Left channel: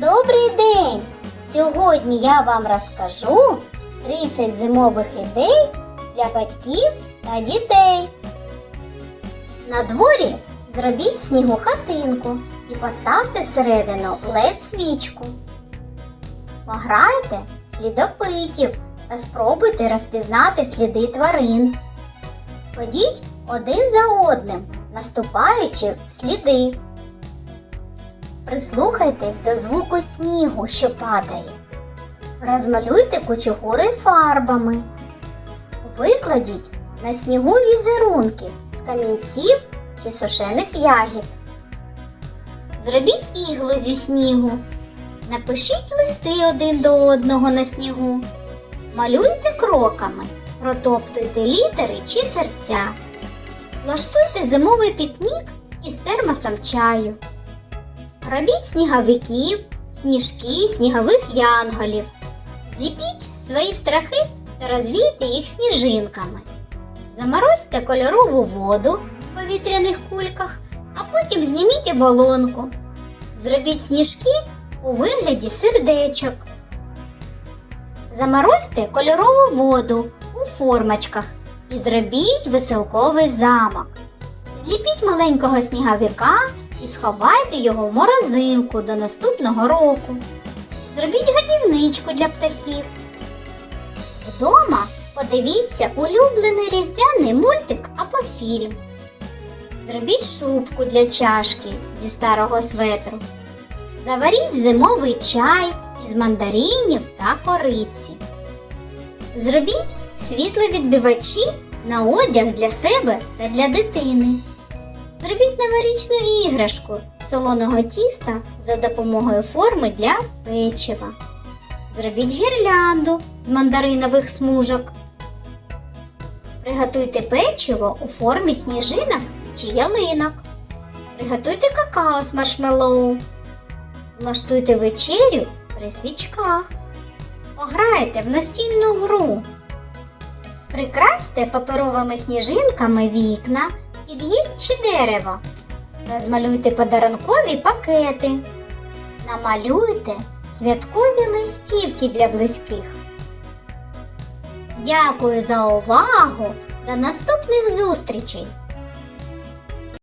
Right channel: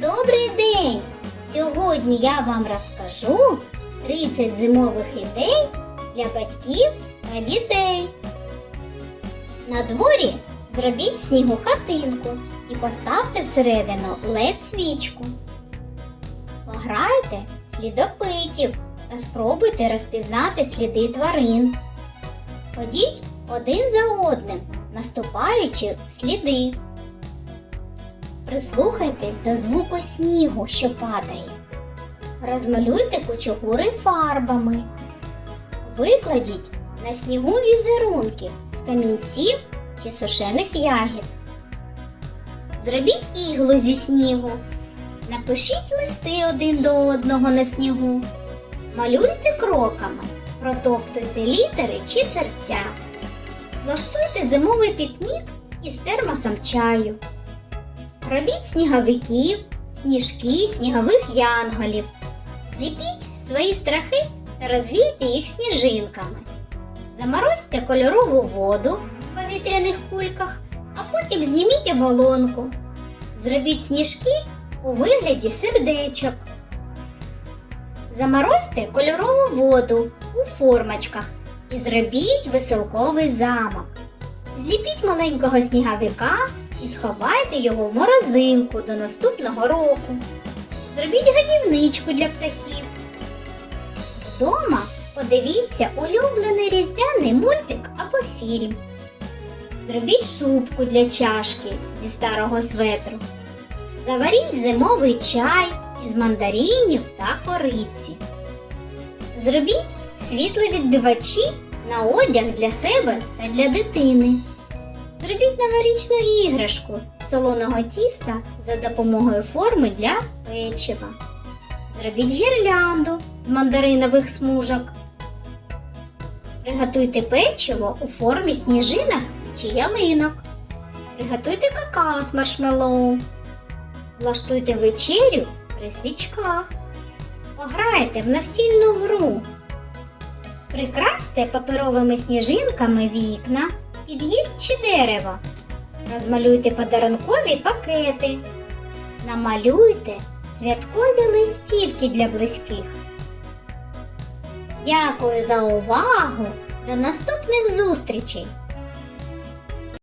Добрий день! Сьогодні я вам розкажу 30 зимових ідей для батьків та дітей. На дворі зробіть в снігу хатинку і поставте всередину led свічку. Пограйте слідопитів та спробуйте розпізнати сліди тварин. Ходіть один за одним, наступаючи в сліди. Прислухайтесь до звуку снігу, що падає. Розмалюйте кучугури фарбами. Викладіть на снігу візерунки з камінців чи сушених ягід. Зробіть іглу зі снігу. Напишіть листи один до одного на снігу. Малюйте кроками, протоптуйте літери чи серця. Влаштуйте зимовий пікнік із термосом чаю. Робіть сніговиків, сніжки, снігових янголів. Зліпіть свої страхи та розвійте їх сніжинками. Заморозьте кольорову воду в повітряних кульках, а потім зніміть оболонку. Зробіть сніжки у вигляді сердечок. Заморозьте кольорову воду у формочках і зробіть веселковий замок. Зліпіть маленького сніговика і сховайте його в морозилку до наступного року. Зробіть годівничку для птахів. Вдома подивіться улюблений різдвяний мультик або фільм. Зробіть шубку для чашки зі старого светру. Заваріть зимовий чай із мандаринів та кориці. Зробіть світловідбивачі на одяг для себе та для дитини. Зробіть новорічну іграшку з солоного тіста за допомогою форми для печива. Зробіть гірлянду з мандаринових смужок. Приготуйте печиво у формі сніжинок чи ялинок. Приготуйте какао з маршмеллоу. Влаштуйте вечерю при свічках. Пограйте в настільну гру. Прикрасьте паперовими сніжинками вікна, під'їзд чи дерево. Розмалюйте подарункові пакети. Намалюйте святкові листівки для близьких. Дякую за увагу. До наступних зустрічей!